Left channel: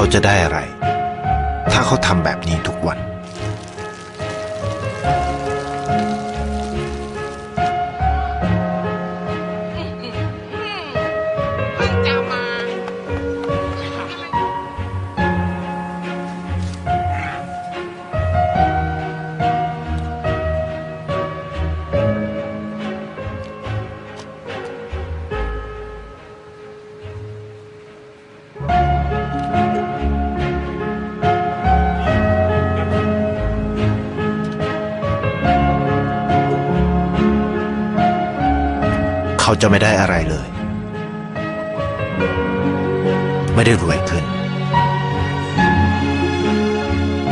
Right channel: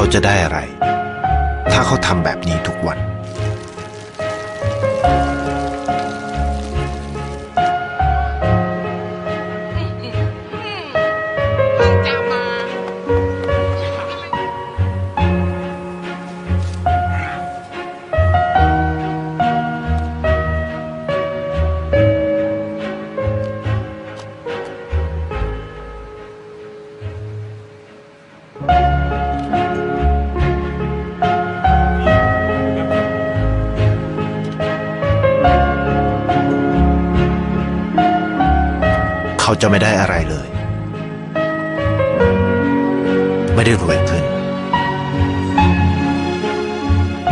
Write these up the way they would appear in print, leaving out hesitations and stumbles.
เขาจะได้อะไร ถ้าเขาทำแบบนี้ทุกวันเขาจะไม่ได้อะไรเลย ไม่ได้รวยขึ้น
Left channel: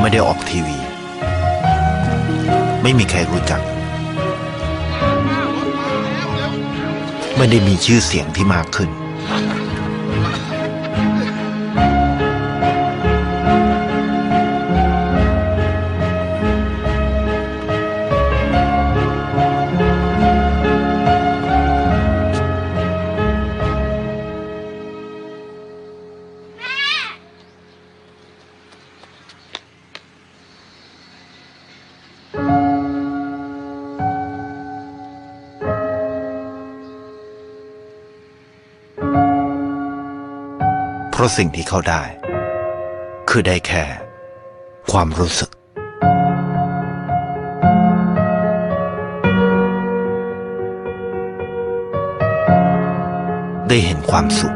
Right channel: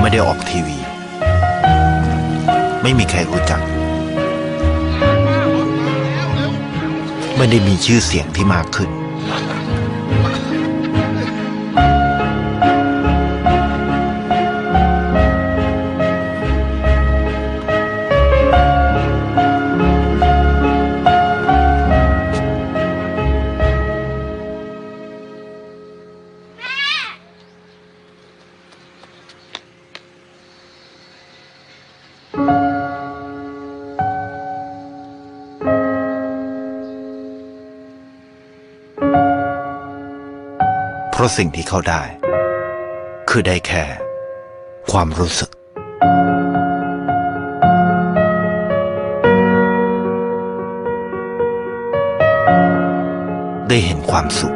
ไม่ได้ออกทีวี ไม่มีใครรู้จัก ไม่ได้มีชื่อเสียงที่มากขึ้นเพราะสิ่งที่เขาได้คือได้แค่ความรู้สึกได้เห็นความสุข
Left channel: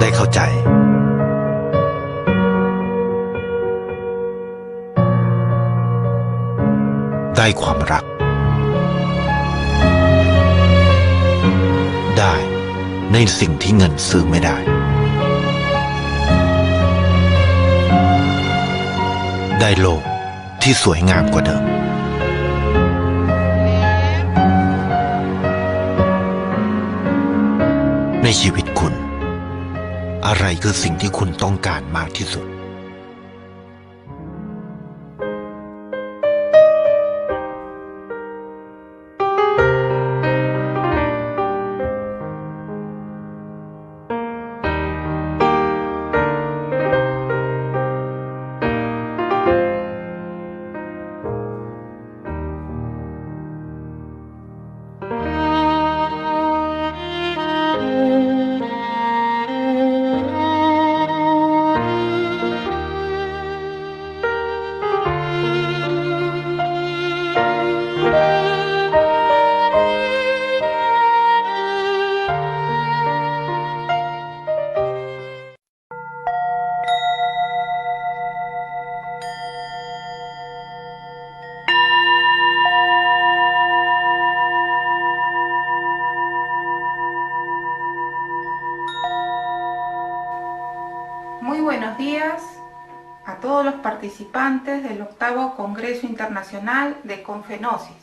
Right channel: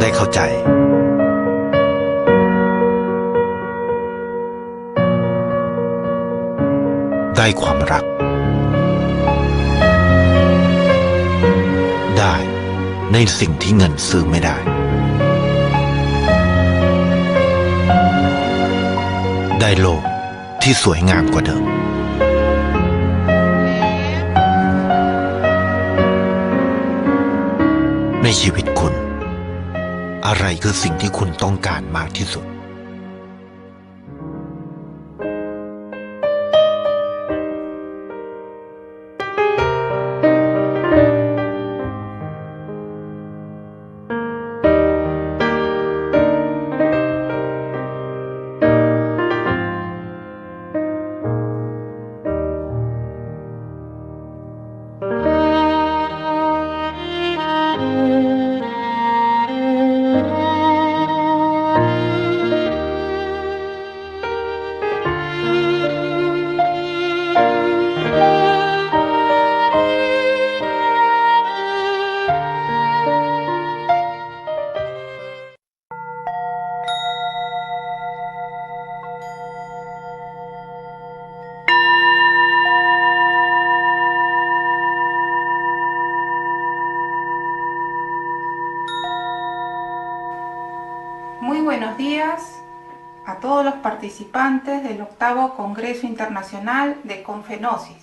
ได้เข้าใจได้ความรักได้ในสิ่งที่เงินซื้อไม่ได้ได้โลกที่สวยงามกว่าเดิมในชีวิตคุณอะไรคือสิ่งที่คุณต้องการมากที่สุดMuy buenos días a todos los participantes del 8º Congreso Internacional de Confenosis.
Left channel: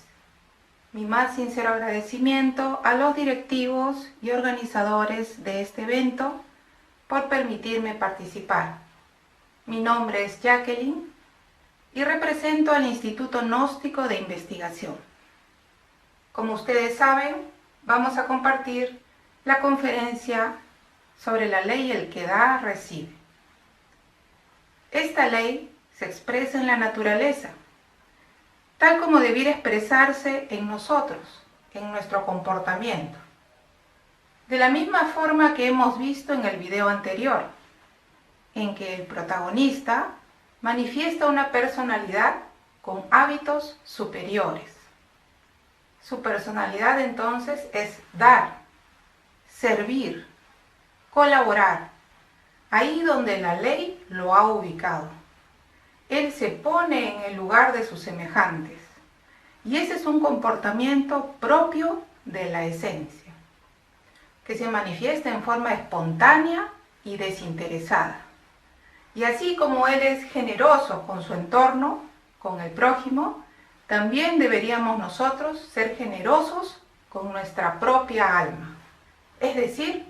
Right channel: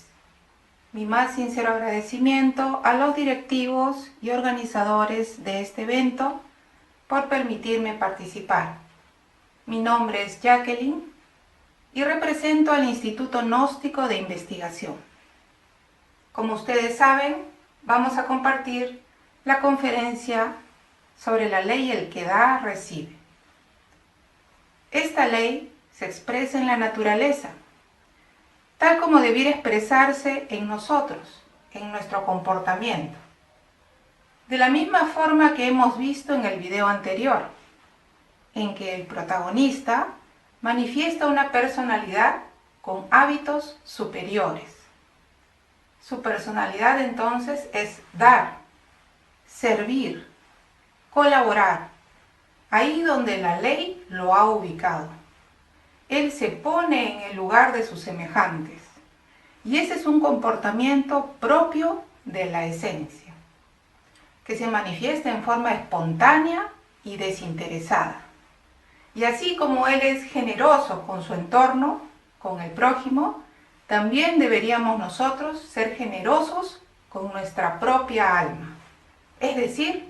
Mi más sincero agradecimiento a los directivos y organizadores de este evento por permitirme participar. Mi nombre es Jacqueline y represento al Instituto Gnóstico de Investigación. Como ustedes saben, vamos a compartir la conferencia sobre la ley El que da, recibe. Esta ley se expresa en la naturaleza, tal como debiera expresarse en nosotros, en nuestro comportamiento. De la misma forma que hemos visto en el video anterior, en que el protagonista manifiesta una personalidad con hábitos superiores. Su personalidad entonces es dar, servir, colaborar, ahí donde la ley lo ha ubicado. Él se pone en el lugar de sus semejantes y ese es un comportamiento propio de la esencia, que se manifiesta en forma espontánea y desinteresada. Y así como él es generoso con su entorno, con el prójimo, también deberíamos nosotros ser generosos con nuestra propia alma, es decir,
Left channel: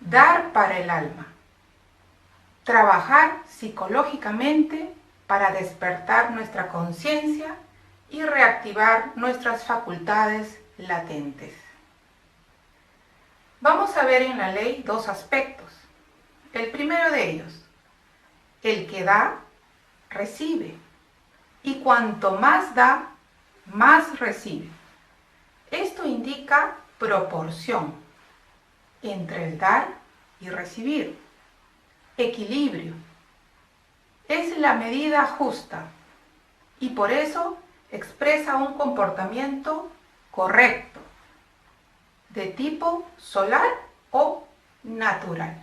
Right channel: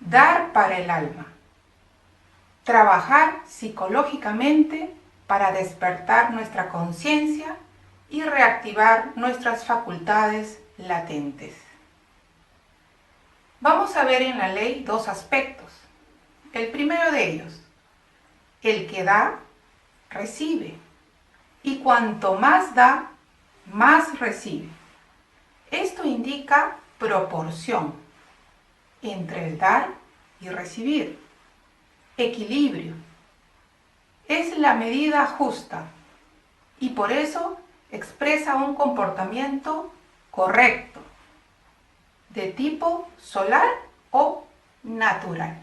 dar para el alma, trabajar psicológicamente para despertar nuestra conciencia y reactivar nuestras facultades latentes. Vamos a ver en la ley dos aspectos. El primero de ellos, el que da, recibe, y cuanto más da, más recibe. Esto indica proporción entre el dar y recibir, equilibrio. Es la medida justa y por eso expresa un comportamiento correcto, de tipo solar o natural.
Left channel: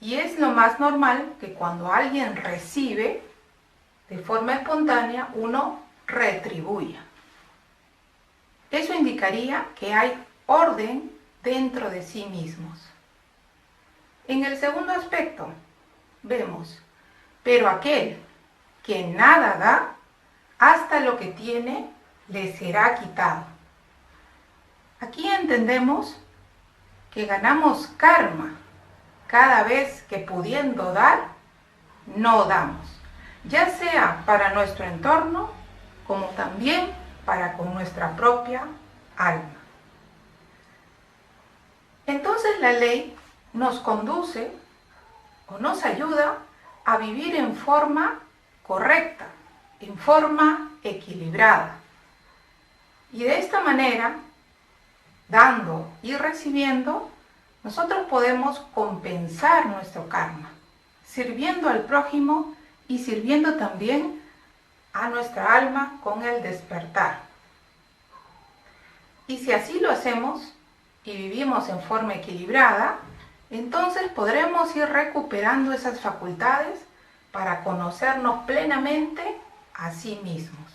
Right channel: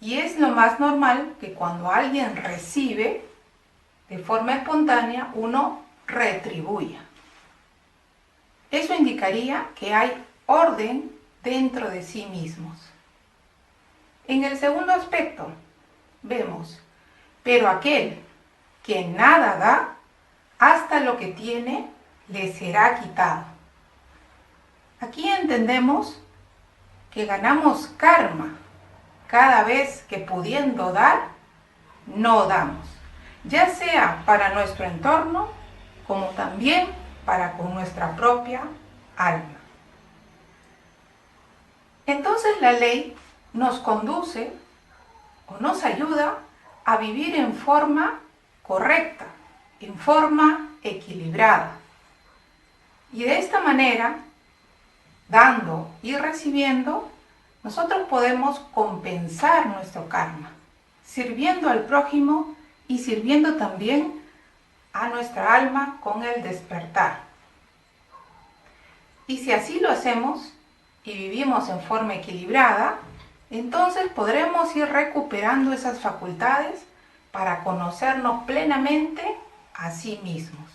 Y es lo más normal que cuando alguien recibe, de forma espontánea, uno retribuya. Eso indicaría que hay orden dentro de sí mismos. En el segundo aspecto, vemos, pero aquel que nada da, hasta lo que tiene le será quitado. Aquí entendemos que ganamos karma cada vez que pudiendo dar, no damos, ya sea para nuestro entorno como también para con nuestra propia alma. Entonces la ley nos conduce o nos ayuda a vivir en forma correcta, en forma equilibrada. Y de esta manera, dando y recibiendo, nosotros podemos compensar nuestro karma, sirviendo al prójimo y sirviendo también a nuestra alma con el despertar. Y si así lo hacemos y vivimos en forma equilibrada, entonces podremos ir recuperando esas facultades para conocernos plenamente a sí mismos.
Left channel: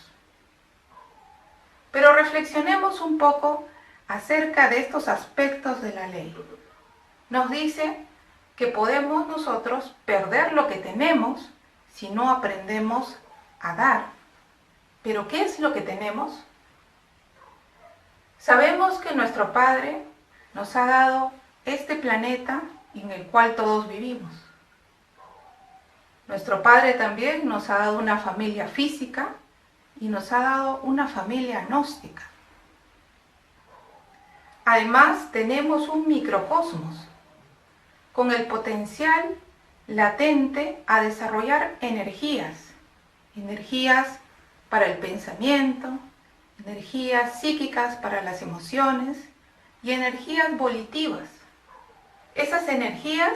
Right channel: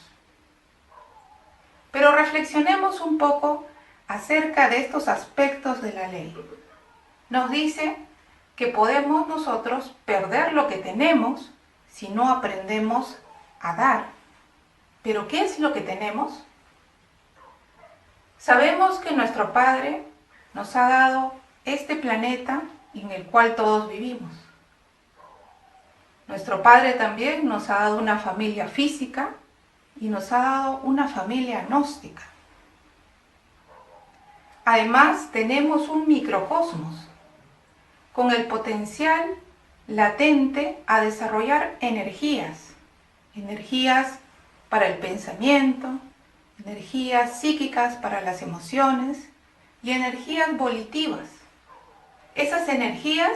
Pero reflexionemos un poco acerca de estos aspectos de la ley. Nos dice que podemos nosotros perder lo que tenemos si no aprendemos a dar. ¿Pero qué es lo que tenemos? Sabemos que nuestro Padre nos ha dado este planeta en el cual todos vivimos. Nuestro Padre también nos ha dado una familia física y nos ha dado una familia gnóstica. Además, tenemos un microcosmos con el potencial latente a desarrollar energías para el pensamiento, energías psíquicas para las emociones y energías volitivas. Esas energías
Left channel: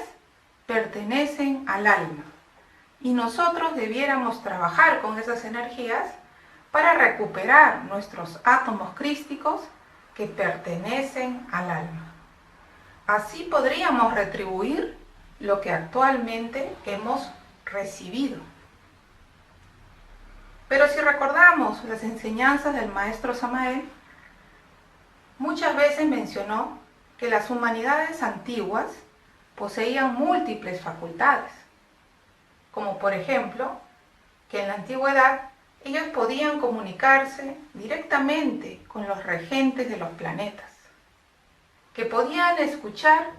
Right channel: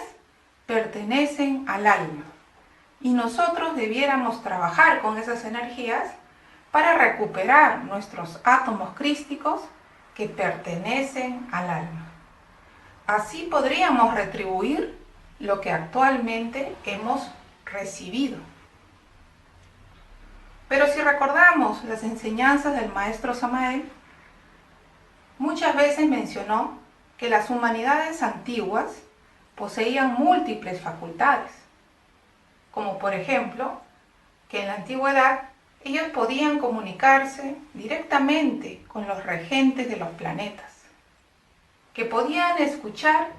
pertenecen al alma y nosotros debiéramos trabajar con esas energías para recuperar nuestros átomos crísticos que pertenecen al alma. Así podríamos retribuir lo que actualmente hemos recibido. Pero si recordamos las enseñanzas del maestro Samael, muchas veces mencionó que las humanidades antiguas poseían múltiples facultades, como por ejemplo, que en la antigüedad ellos podían comunicarse directamente con los regentes de los planetas, que podían escuchar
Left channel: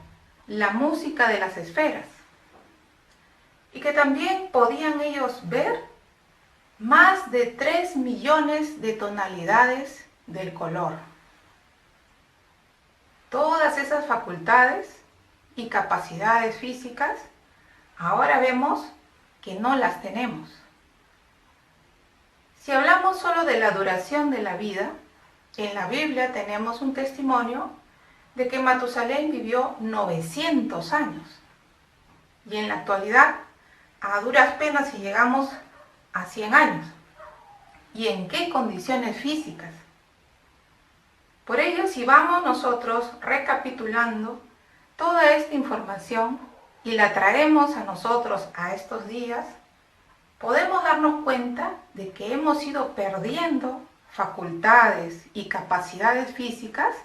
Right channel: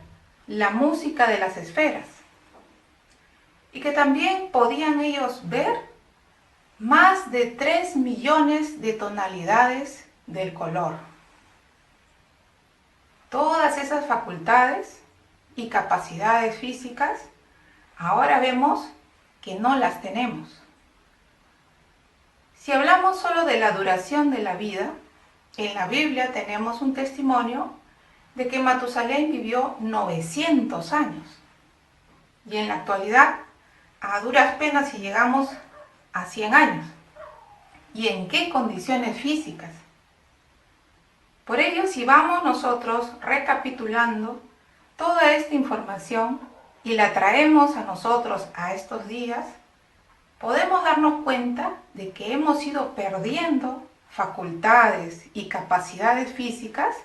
la música de las esferas y que también podían ellos ver más de 3 millones de tonalidades del color. Todas esas facultades y capacidades físicas ahora vemos que no las tenemos. Si hablamos solo de la duración de la vida, en la Biblia tenemos un testimonio de que Matusalén vivió 900 años. Y en la actualidad, a duras penas si llegamos a 100 años. ¿Y en qué condiciones físicas? Por ello, si vamos nosotros recapitulando toda esta información y la traemos a nosotros a estos días, podemos darnos cuenta de que hemos ido perdiendo facultades y capacidades físicas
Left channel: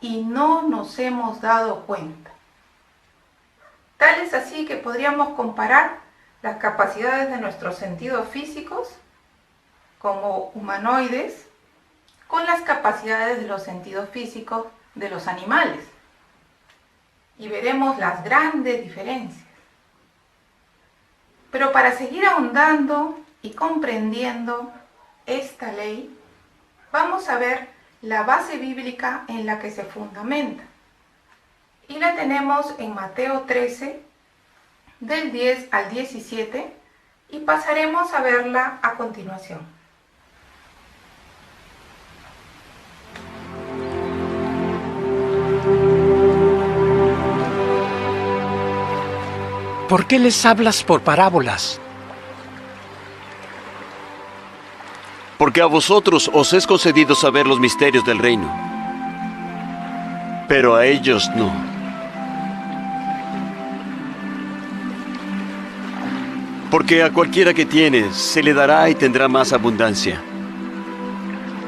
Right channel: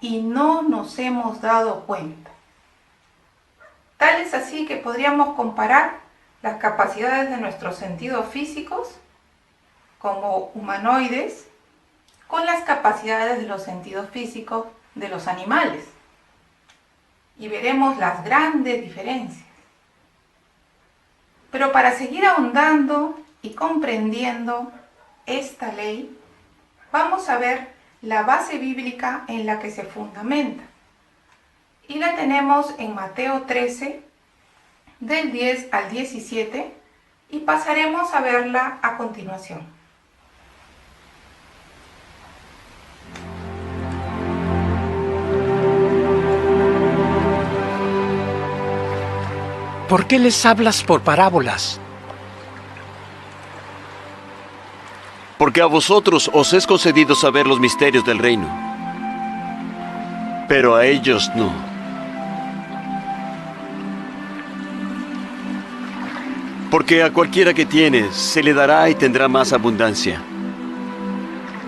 y no nos hemos dado cuenta. Tal es así que podríamos comparar las capacidades de nuestros sentidos físicos como humanoides con las capacidades de los sentidos físicos de los animales. Y veremos las grandes diferencias. Pero para seguir ahondando y comprendiendo esta ley, vamos a ver la base bíblica en la que se fundamenta. Y la tenemos en Mateo 13, del 10 al 17, y pasaremos a verla a continuación. ¿Por qué les hablas por parábolas? Porque a vosotros os es concedido saber los misterios del reino, pero a ellos no. Porque a cualquiera que tiene se le dará y tendrá más abundancia.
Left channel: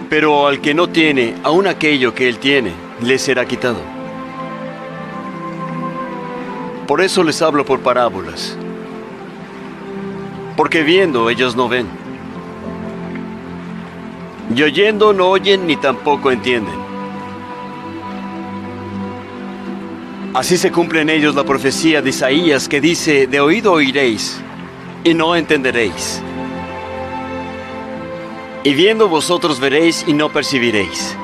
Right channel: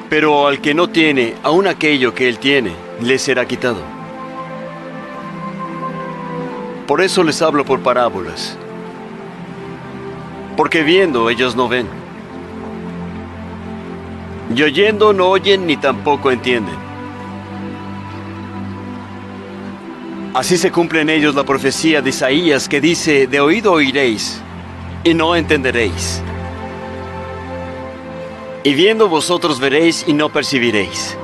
Pero al que no tiene, aun aquello que él tiene, le será quitado. Por eso les hablo por parábolas. Porque viendo ellos no ven. Y oyendo no oyen ni tampoco entienden. Así se cumple en ellos la profecía de Isaías que dice: de oído oiréis y no entenderéis. Y viendo vosotros veréis y no percibiréis.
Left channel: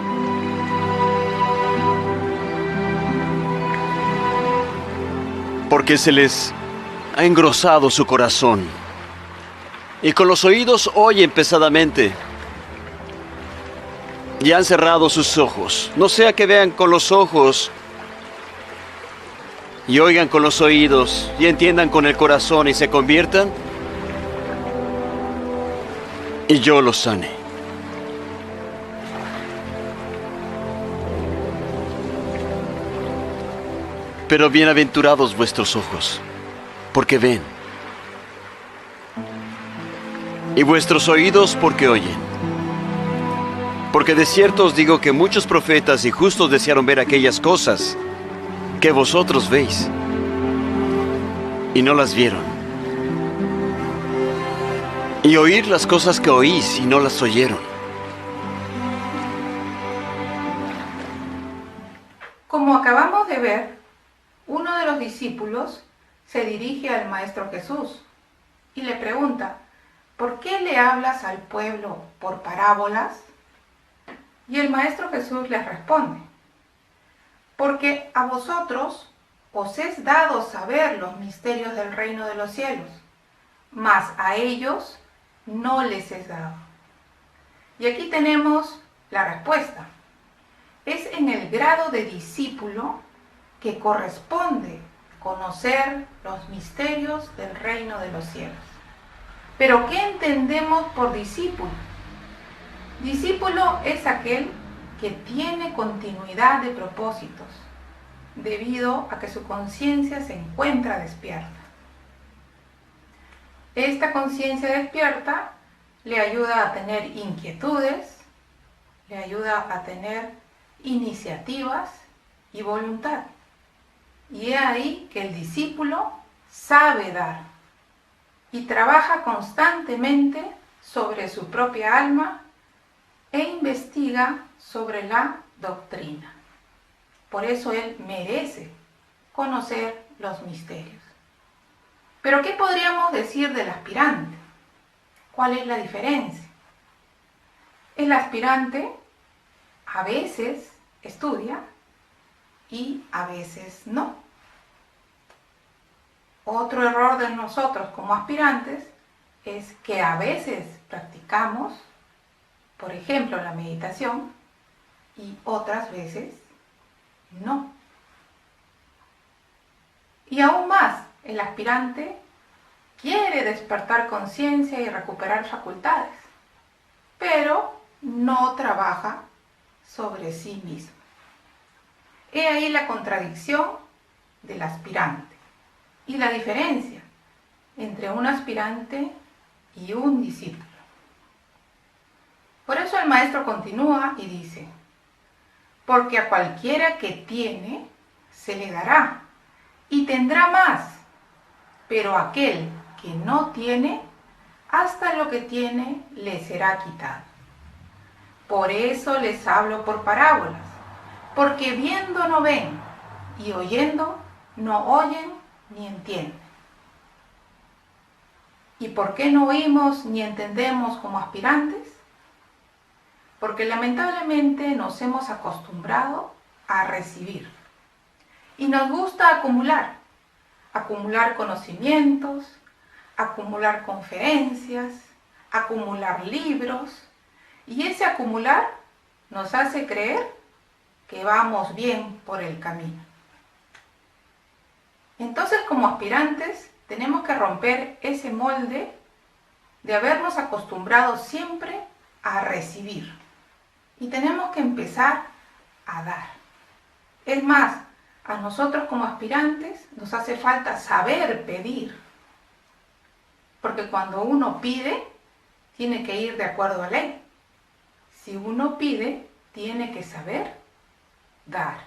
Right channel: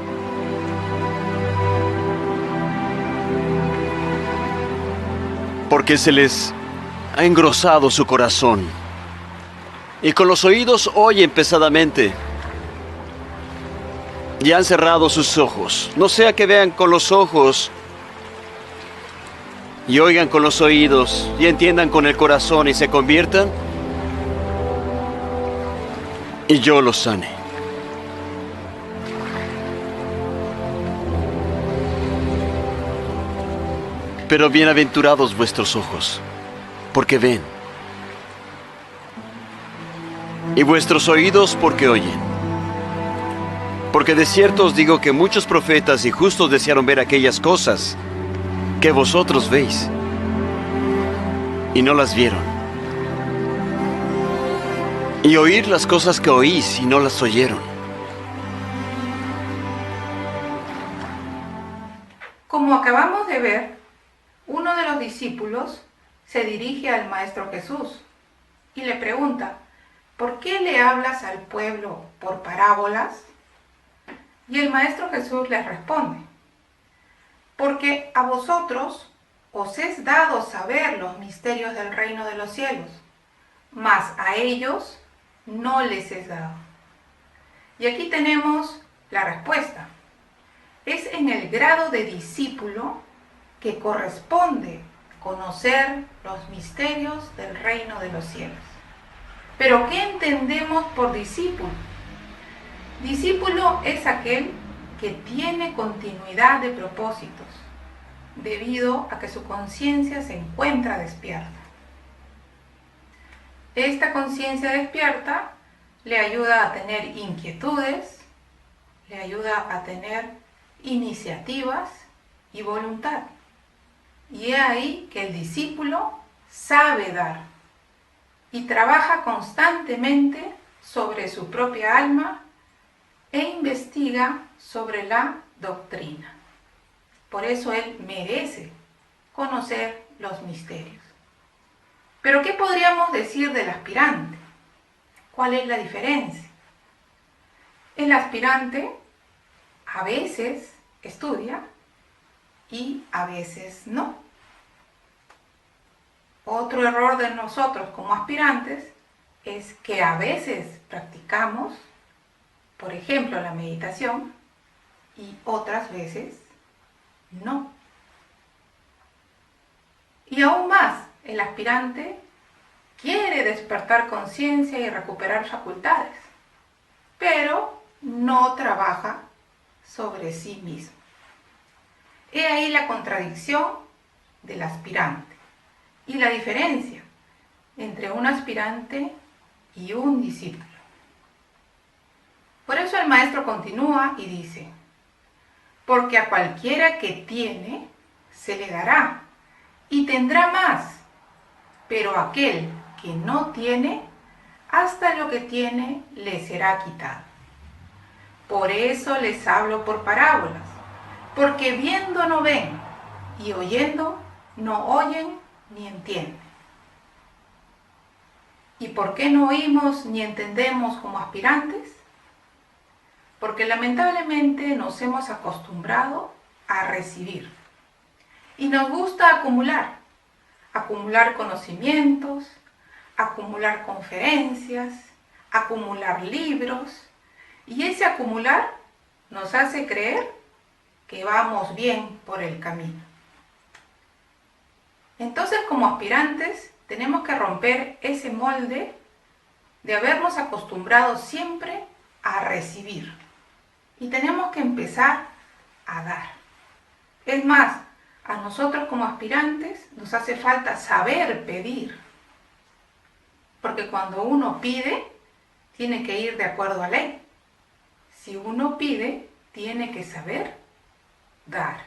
Porque se les ha engrosado su corazón, y con los oídos oyen pesadamente, y han cerrado sus ojos, no sea que vean con los ojos, y oigan con los oídos, y entiendan con el corazón, y se conviertan, y yo los sane. Pero bienaventurados vuestros ojos, porque ven, y vuestros oídos porque oyen. Porque de cierto os digo que muchos profetas y justos desearon ver aquellas cosas que vosotros veis, y no las vieron, y oír las cosas que oís y no las oyeron. Como acabamos de ver, uno de los discípulos se dirige al Maestro Jesús y le pregunta: ¿por qué le hablas al pueblo por parábolas? Y el Maestro Jesús les responde: porque a vosotros os es dado saber los misterios del reino de los cielos, mas a ellos no les es dado. Y aquí tenemos la respuesta. Es en el grado de discípulo que corresponde conocer los misterios del reino de los cielos. Pero ¿qué entendemos por discípulo? Discípulo es aquel que tiene continuidad de propósitos, debido a que su conciencia se encuentra despierta. Esta conciencia despierta le ayuda a tener inquietudes, le ayuda a tener iniciativas y voluntad. Y es ahí que el discípulo sabe dar y trabaja constantemente sobre su propia alma e investiga sobre la doctrina. Por eso él merece conocer los misterios. Pero ¿qué podríamos decir del aspirante? ¿Cuál es la diferencia? El aspirante a veces estudia y a veces no. Otro error de nosotros como aspirantes es que a veces practicamos, por ejemplo, la meditación y otras veces no. Y aún más, el aspirante quiere despertar conciencia y recuperar facultades, pero no trabaja sobre sí mismo. He ahí la contradicción del aspirante y la diferencia entre un aspirante y un discípulo. Por eso el maestro continúa y dice: porque a cualquiera que tiene, se le dará y tendrá más, pero aquel que no tiene, hasta lo que tiene le será quitado. Por eso les hablo por parábolas, porque viendo no ven, y oyendo no oyen ni entienden. ¿Y por qué no oímos ni entendemos como aspirantes? Porque lamentablemente nos hemos acostumbrado a recibir. Y nos gusta acumular conocimientos, acumular conferencias, acumular libros. Y ese acumular nos hace creer que vamos bien por el camino. Entonces, como aspirantes, tenemos que romper ese molde de habernos acostumbrado siempre a recibir. Y tenemos que empezar a dar. Es más, a nosotros como aspirantes nos hace falta saber pedir. Porque cuando uno pide, tiene que ir de acuerdo a ley. Si uno pide, tiene que saber dar.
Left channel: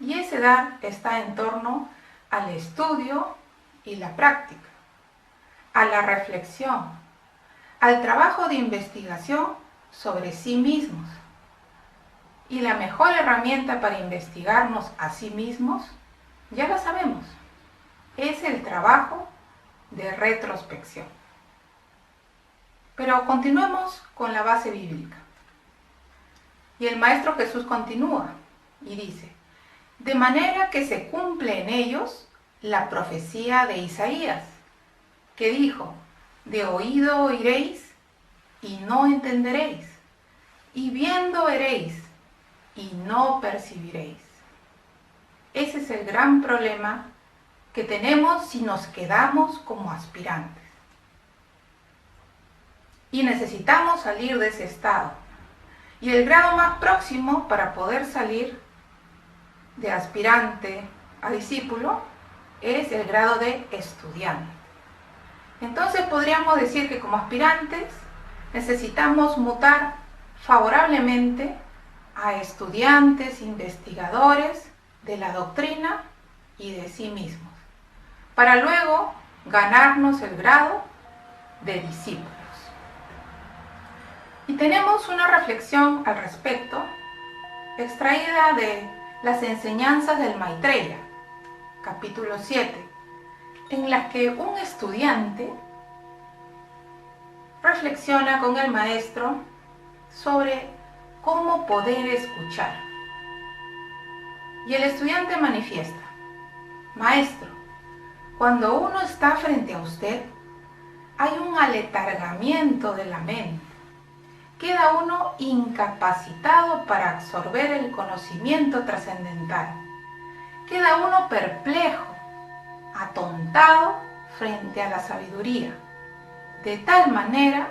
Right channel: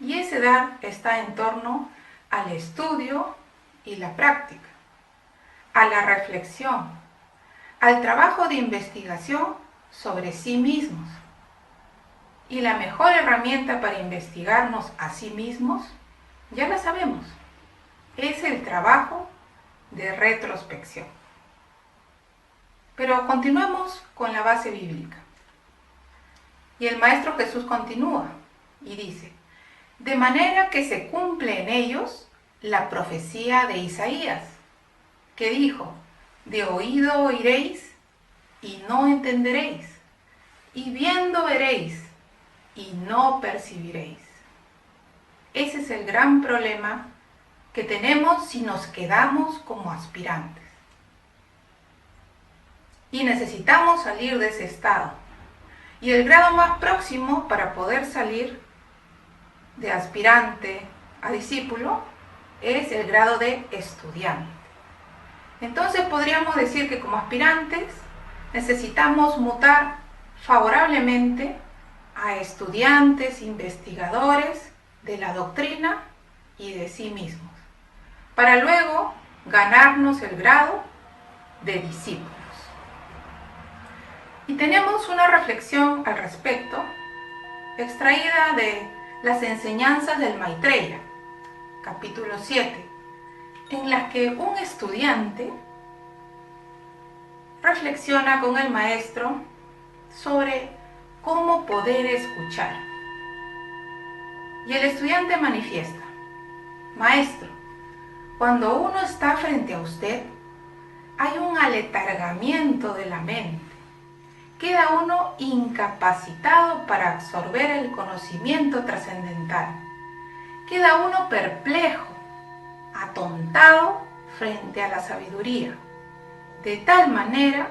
Y ese dar está en torno al estudio y la práctica, a la reflexión, al trabajo de investigación sobre sí mismos. Y la mejor herramienta para investigarnos a sí mismos, ya la sabemos, es el trabajo de retrospección. Pero continuemos con la base bíblica. Y el Maestro Jesús continúa y dice: de manera que se cumple en ellos la profecía de Isaías, que dijo: de oído oiréis y no entenderéis, y viendo veréis y no percibiréis. Ese es el gran problema que tenemos si nos quedamos como aspirantes. Y necesitamos salir de ese estado. Y el grado más próximo para poder salir de aspirante a discípulo es el grado de estudiante. Entonces podríamos decir que como aspirantes necesitamos mutar favorablemente a estudiantes, investigadores de la doctrina y de sí mismos, para luego ganarnos el grado de discípulos. Y tenemos una reflexión al respecto, extraída de las enseñanzas del Maitreya, capítulo 7, en las que un estudiante reflexiona con el maestro sobre cómo poder escuchar. Y el estudiante manifiesta: maestro, cuando uno está frente a usted, hay un aletargamiento de la mente. Queda uno incapacitado para absorber el conocimiento trascendental. Queda uno perplejo, atontado frente a la sabiduría, de tal manera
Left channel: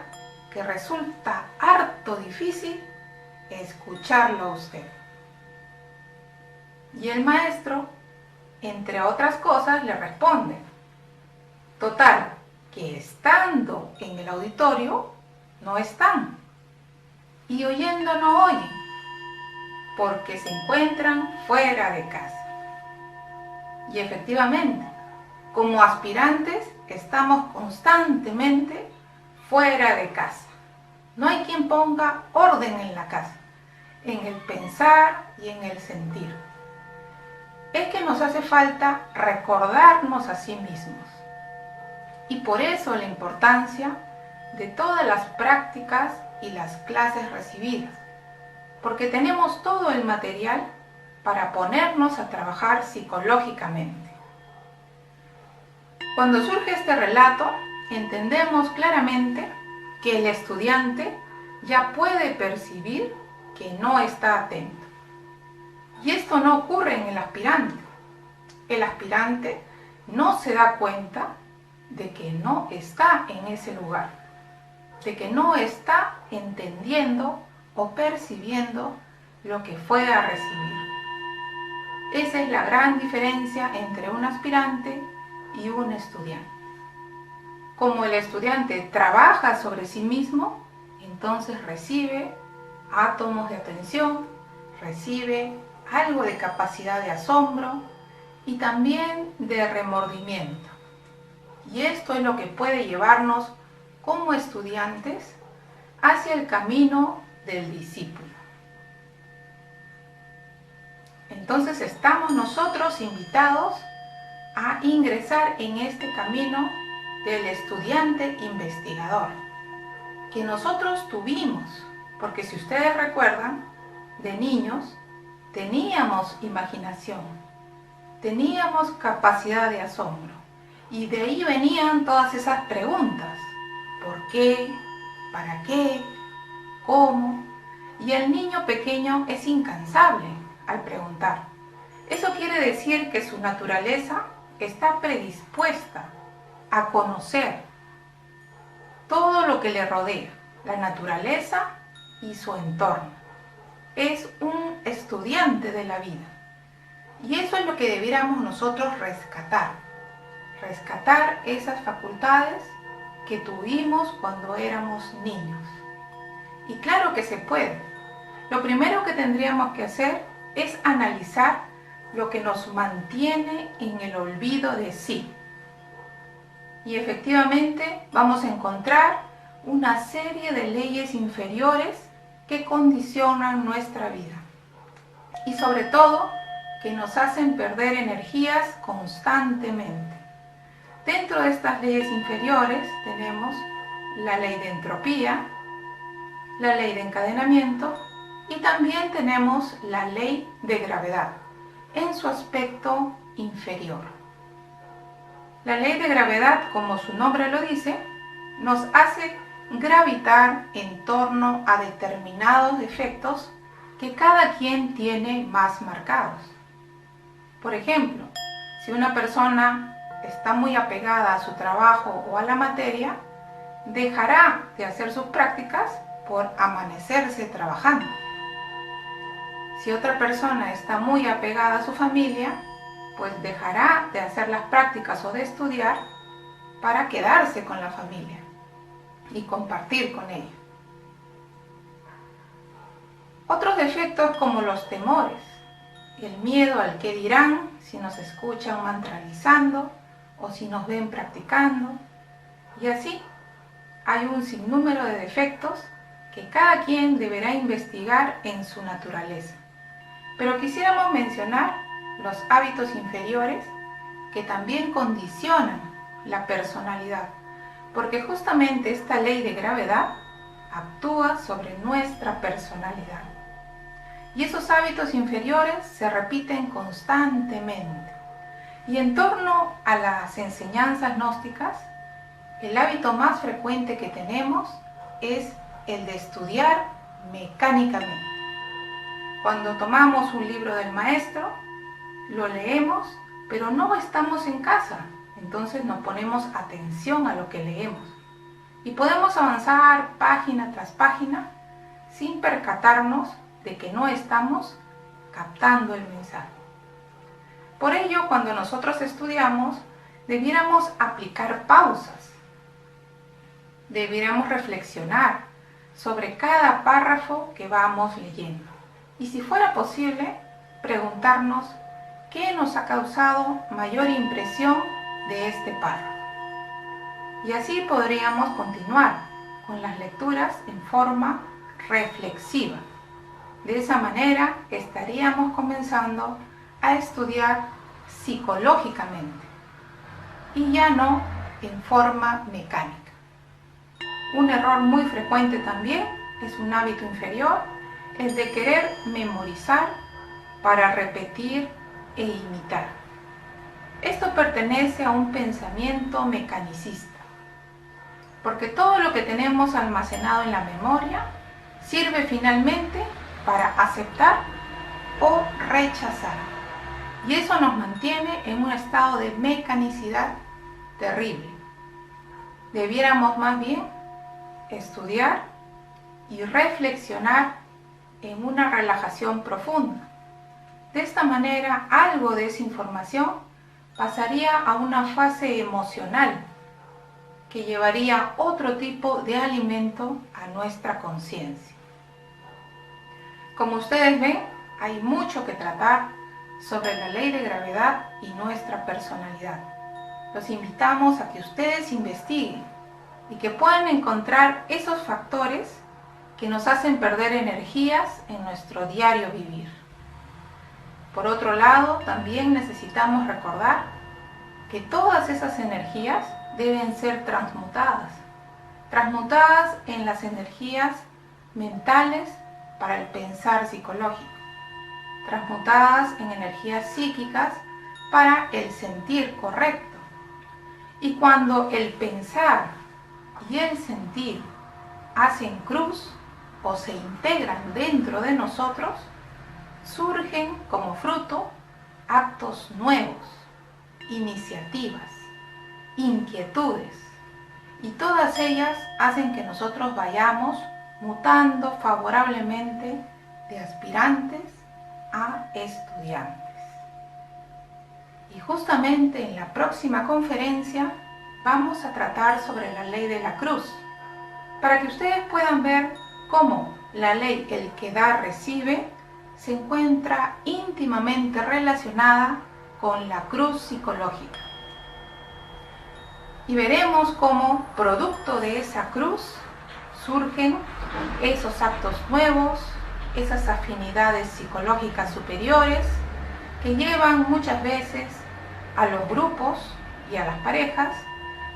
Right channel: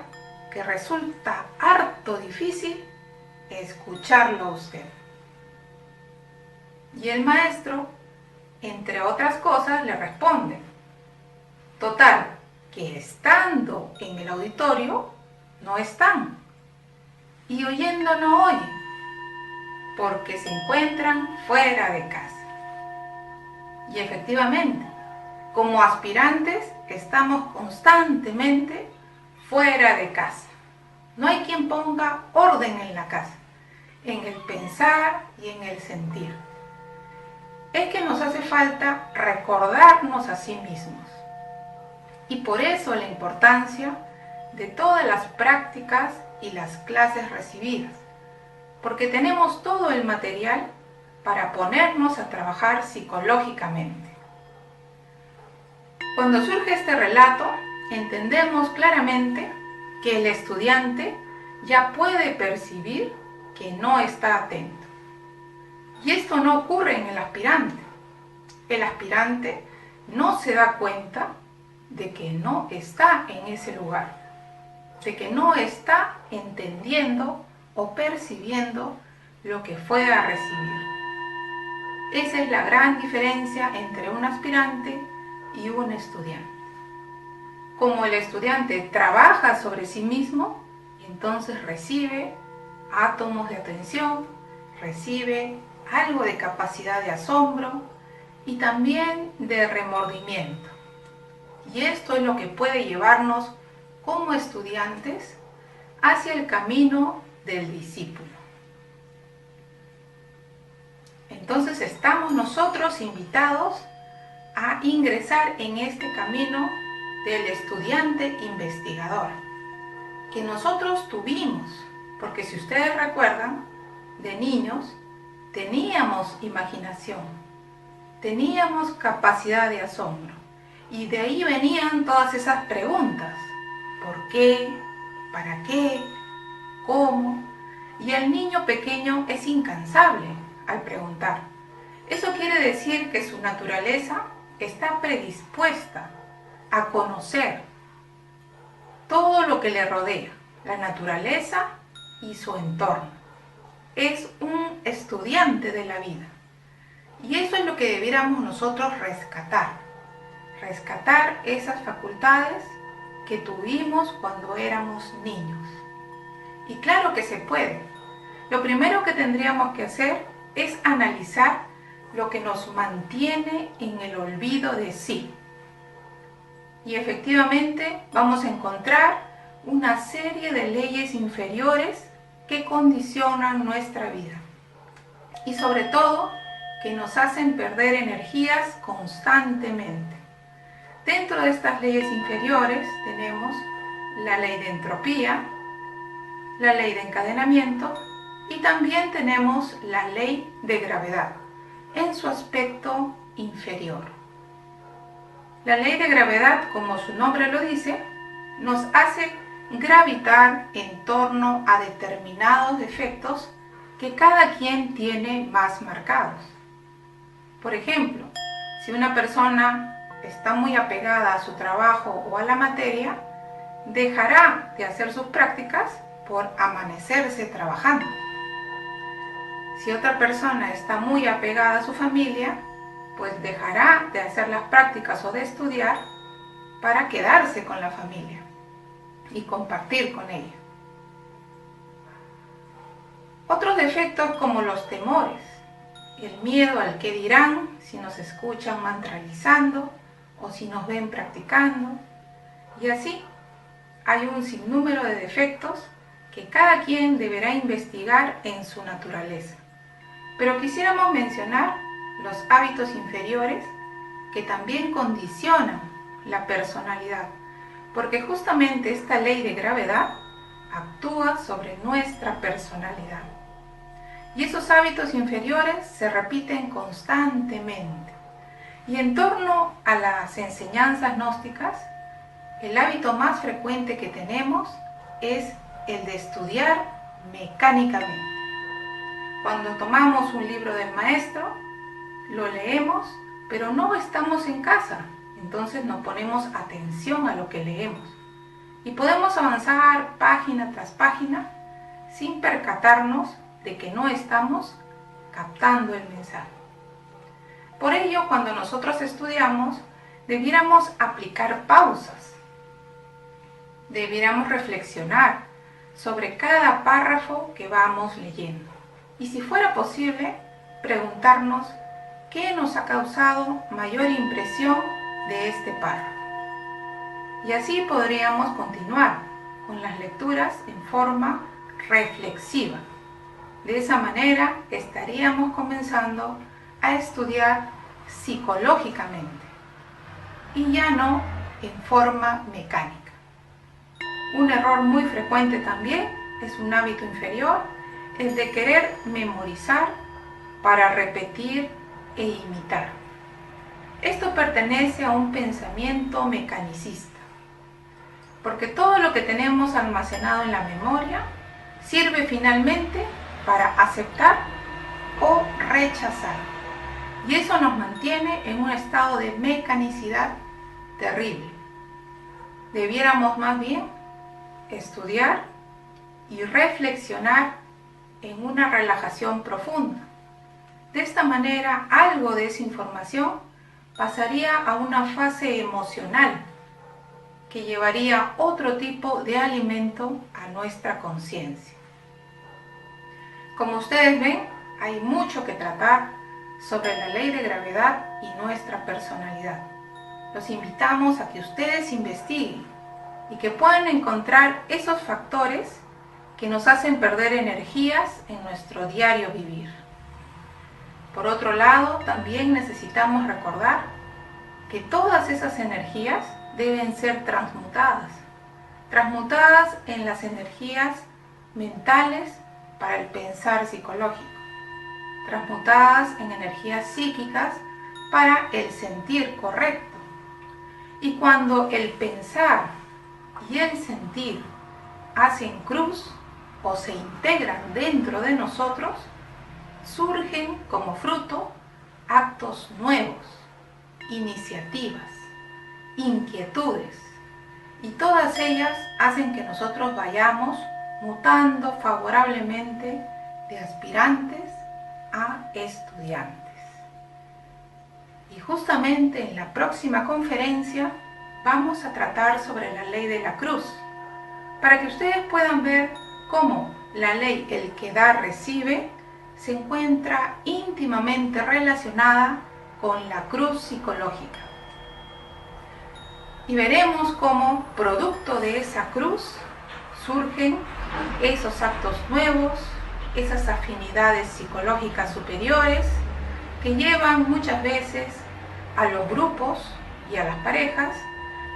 que resulta harto difícil escucharlo a usted. Y el maestro, entre otras cosas, le responde: total, que estando en el auditorio, no están, y oyendo no oyen, porque se encuentran fuera de casa. Y efectivamente, como aspirantes, estamos constantemente fuera de casa. No hay quien ponga orden en la casa, en el pensar y en el sentir. Es que nos hace falta recordarnos a sí mismos. Y por eso la importancia de todas las prácticas y las clases recibidas, porque tenemos todo el material para ponernos a trabajar psicológicamente. Cuando surge este relato, entendemos claramente que el estudiante ya puede percibir que no está atento. Y esto no ocurre en el aspirante. El aspirante no se da cuenta de que no está en ese lugar, de que no está entendiendo o percibiendo lo que fue a recibir. Esa es la gran diferencia entre un aspirante y un estudiante. Como el estudiante trabaja sobre sí mismo, entonces recibe átomos de atención, recibe algo de capacidad de asombro y también de remordimiento. Y esto es lo que puede llevarnos como estudiantes hacia el camino del discípulo. Entonces estamos nosotros invitados a ingresar en este camino del estudiante investigador, que nosotros tuvimos, porque si ustedes recuerdan, de niños teníamos imaginación, teníamos capacidad de asombro, y de ahí venían todas esas preguntas: ¿por qué? ¿Para qué? ¿Cómo? Y el niño pequeño es incansable al preguntar. Eso quiere decir que su naturaleza está predispuesta a conocer todo lo que le rodea, la naturaleza y su entorno. Es un estudiante de la vida. Y eso es lo que debiéramos nosotros rescatar. Rescatar esas facultades que tuvimos cuando éramos niños. Y claro que se puede. Lo primero que tendríamos que hacer es analizar lo que nos mantiene en el olvido de sí. Y efectivamente vamos a encontrar una serie de leyes inferiores que condicionan nuestra vida. Y sobre todo, que nos hacen perder energías constantemente. Dentro de estas leyes inferiores tenemos la ley de entropía, la ley de encadenamiento y también tenemos la ley de gravedad en su aspecto inferior. La ley de gravedad, como su nombre lo dice, nos hace gravitar en torno a determinados efectos que cada quien tiene más marcados. Por ejemplo, si una persona está muy apegada a su trabajo o a la materia, dejará de hacer sus prácticas por amanecerse trabajando. Si otra persona está muy apegada a su familia, pues dejará de hacer las prácticas o de estudiar para quedarse con la familia y compartir con ella. Otros defectos como los temores, el miedo al qué dirán si nos escuchan mantralizando o si nos ven practicando, y así hay un sinnúmero de defectos que cada quien deberá investigar en su naturaleza. Pero quisiéramos mencionar los hábitos inferiores que también condicionan la personalidad, porque justamente esta ley de gravedad actúa sobre nuestra personalidad. Y esos hábitos inferiores se repiten constantemente. Y en torno a las enseñanzas gnósticas, el hábito más frecuente que tenemos es el de estudiar mecánicamente. Cuando tomamos un libro del maestro, lo leemos, pero no estamos en casa, entonces no ponemos atención a lo que leemos. Y podemos avanzar página tras página sin percatarnos de que no estamos captando el mensaje. Por ello, cuando nosotros estudiamos, debiéramos aplicar pausas. Debiéramos reflexionar sobre cada párrafo que vamos leyendo. Y si fuera posible, preguntarnos qué nos ha causado mayor impresión de este párrafo. Y así podríamos continuar con las lecturas en forma reflexiva. De esa manera estaríamos comenzando a estudiar psicológicamente y ya no en forma mecánica. Un error muy frecuente también es un hábito inferior, el de querer memorizar para repetir e imitar. Esto pertenece a un pensamiento mecanicista, porque todo lo que tenemos almacenado en la memoria sirve finalmente para aceptar o rechazar. Y eso nos mantiene en un estado de mecanicidad terrible. Debiéramos más bien estudiar y reflexionar en una relajación profunda. De esta manera, algo de esa información pasaría a una fase emocional que llevaría otro tipo de alimento a nuestra conciencia. Como ustedes ven, hay mucho que tratar sobre la ley de gravedad y nuestra personalidad. Los invitamos a que ustedes investiguen y que puedan encontrar esos factores que nos hacen perder energías en nuestro diario vivir. Por otro lado, también necesitamos recordar que todas esas energías deben ser transmutadas en las energías mentales para el pensar psicológico, transmutadas en energías psíquicas para el sentir correcto. Y cuando el pensar y el sentir hacen cruz o se integran dentro de nosotros, surgen como fruto actos nuevos, iniciativas, inquietudes, y todas ellas hacen que nosotros vayamos mutando favorablemente de aspirantes a estudiantes. Y justamente en la próxima conferencia vamos a tratar sobre la ley de la cruz, para que ustedes puedan ver cómo la ley el que da recibe se encuentra íntimamente relacionada con la cruz psicológica. Y veremos cómo, producto de esa cruz, surgen esos actos nuevos, esas afinidades psicológicas superiores que llevan muchas veces a los grupos y a las parejas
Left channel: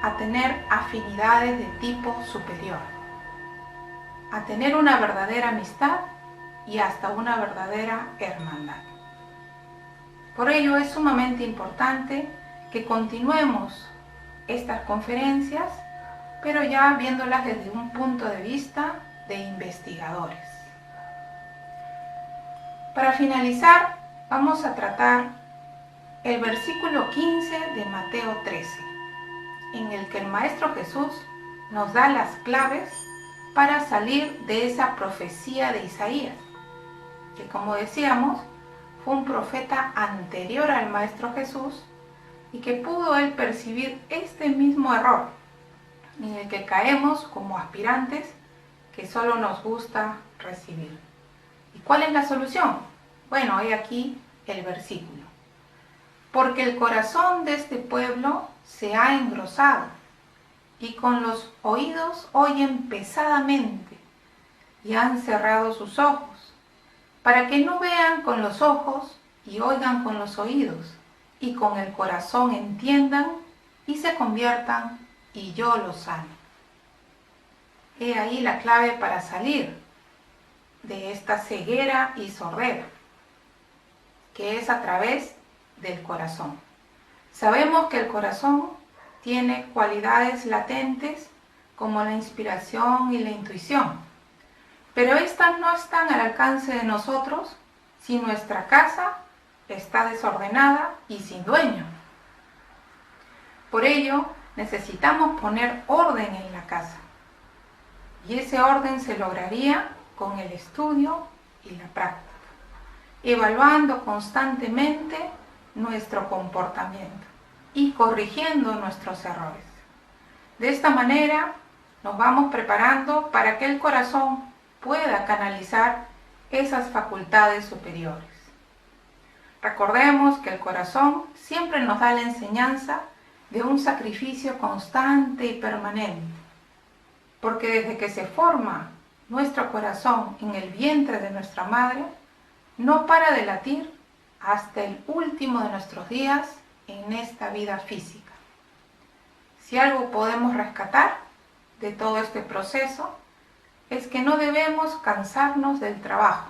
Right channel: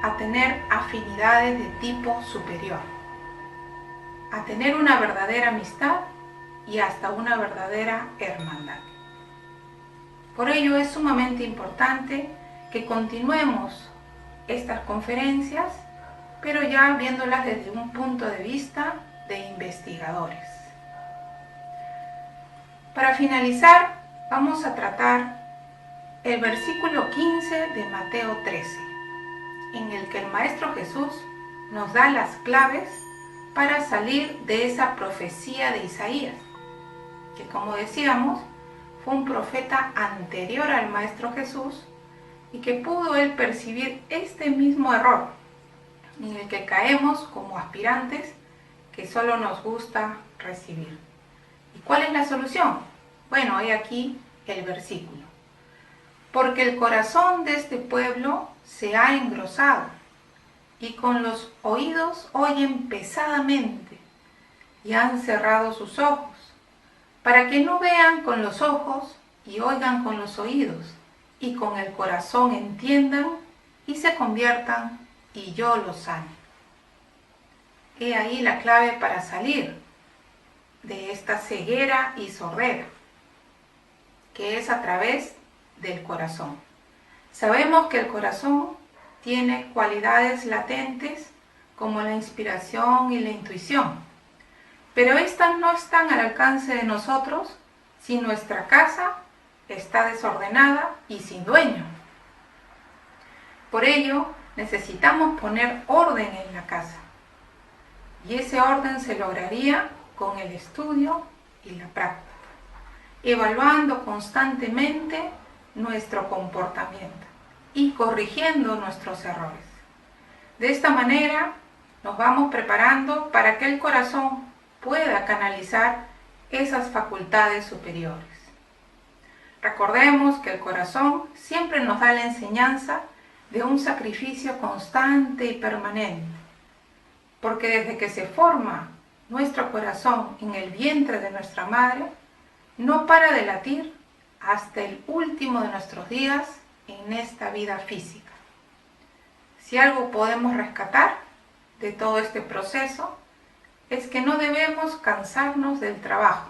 a tener afinidades de tipo superior, a tener una verdadera amistad y hasta una verdadera hermandad. Por ello es sumamente importante que continuemos estas conferencias, pero ya viéndolas desde un punto de vista de investigadores. Para finalizar, vamos a tratar el versículo 15 de Mateo 13, en el que el Maestro Jesús nos da las claves para salir de esa profecía de Isaías, que como decíamos, fue un profeta anterior al Maestro Jesús y que pudo él percibir este mismo error en el que caemos como aspirantes que solo nos gusta recibir. ¿Y cuál es la solución? Bueno, he aquí el versículo. Porque el corazón de este pueblo se ha engrosado y con los oídos oyen pesadamente y han cerrado sus ojos, para que no vean con los ojos y oigan con los oídos y con el corazón entiendan y se conviertan y yo los sane. He ahí la clave para salir de esta ceguera y sordera, que es a través del corazón. Sabemos que el corazón tiene cualidades latentes como la inspiración y la intuición, pero estas no están al alcance de nosotros si nuestra casa está desordenada y sin dueño. Por ello, necesitamos poner orden en la casa. Y ese orden se lograría con el estudio y la práctica, evaluando constantemente nuestro comportamiento y corrigiendo nuestros errores. De esta manera, nos vamos preparando para que el corazón pueda canalizar esas facultades superiores. Recordemos que el corazón siempre nos da la enseñanza de un sacrificio constante y permanente. porque desde que se forma nuestro corazón en el vientre de nuestra madre, no para de latir hasta el último de nuestros días en esta vida física. Si algo podemos rescatar de todo este proceso, es que no debemos cansarnos del trabajo,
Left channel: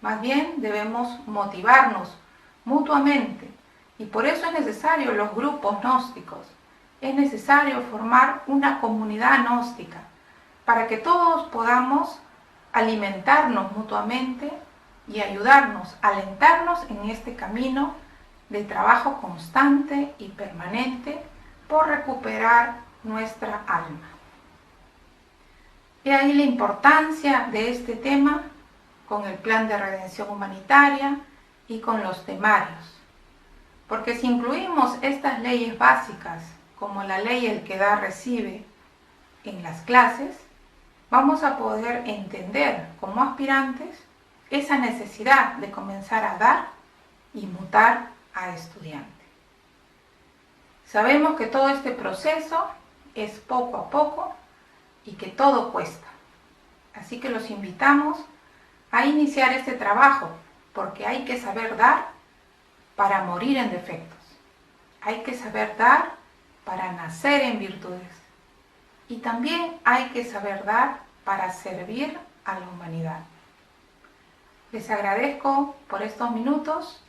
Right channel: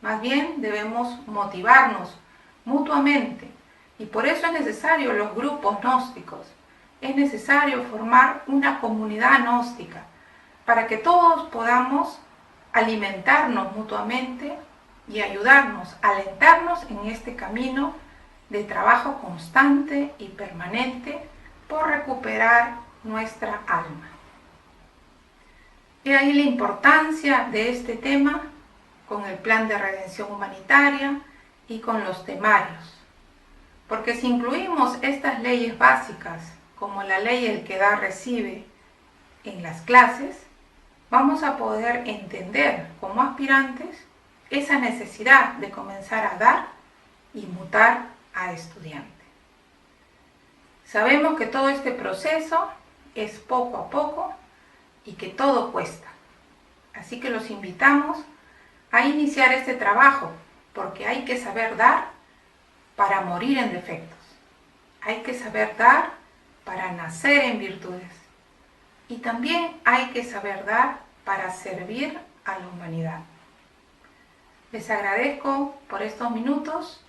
más bien debemos motivarnos mutuamente, y por eso es necesario los grupos gnósticos, es necesario formar una comunidad gnóstica, para que todos podamos alimentarnos mutuamente y ayudarnos, alentarnos en este camino de trabajo constante y permanente por recuperar nuestra alma. He ahí la importancia de este tema con el plan de redención humanitaria y con los temarios. Porque si incluimos estas leyes básicas, como la ley el que da recibe, en las clases, vamos a poder entender como aspirantes esa necesidad de comenzar a dar y mutar a estudiante. Sabemos que todo este proceso es poco a poco y que todo cuesta. Así que los invitamos a iniciar este trabajo, porque hay que saber dar para morir en defectos. Hay que saber dar para nacer en virtudes. Y también hay que saber dar para servir a la humanidad. Les agradezco por estos minutos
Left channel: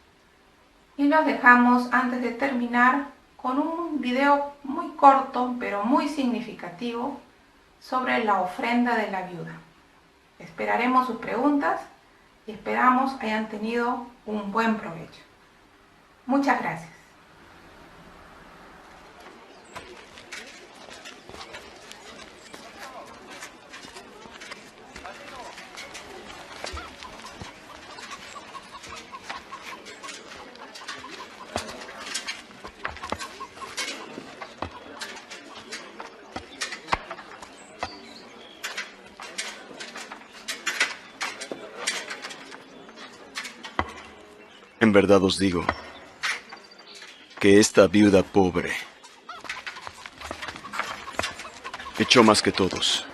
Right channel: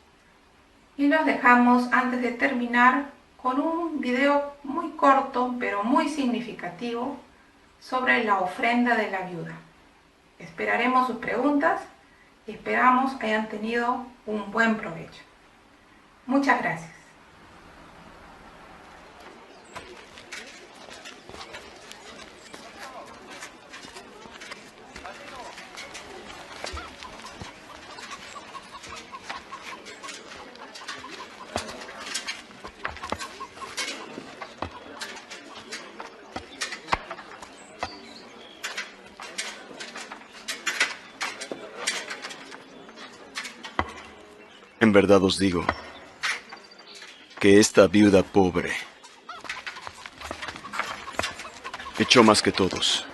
y los dejamos antes de terminar con un video muy corto pero muy significativo sobre la ofrenda de la viuda. Esperaremos sus preguntas y esperamos hayan tenido un buen provecho. Muchas gracias. En verdad os digo que esta viuda pobre echó más que todos.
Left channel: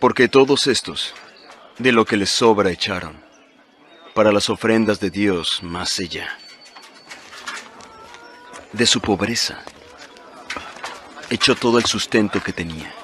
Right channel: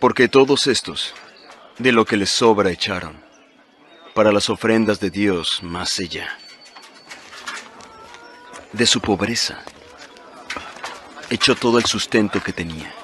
Porque todos estos, de lo que les sobra echaron, para las ofrendas de Dios, más ella, de su pobreza, echó todo el sustento que tenía.